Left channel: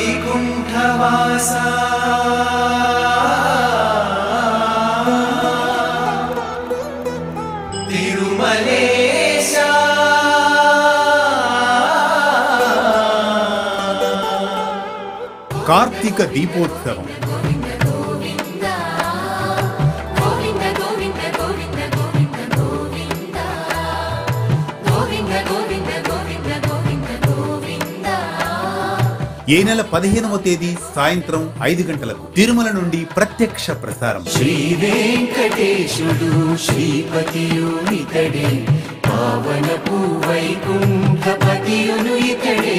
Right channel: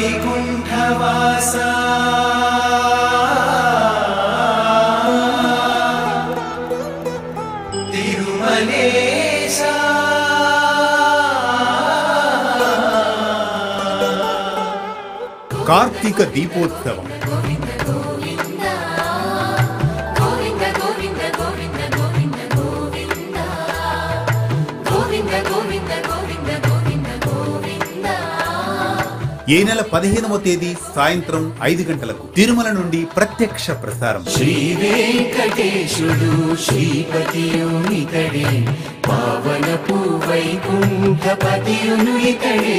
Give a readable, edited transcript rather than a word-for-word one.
వైకుంఠవాసా తిరుమలేశా కార్తీక దీపోత్సవం ఈ నెల 15వ తేదీ సాయంత్రం 5 గంటలకు తిరుమల నుండి ప్రత్యక్ష ప్రసారం. శ్రీ వెంకటేశుడు శ్రీపతియుని ఇతడే, పావనపు వైకుంఠపతియును ఇతడే.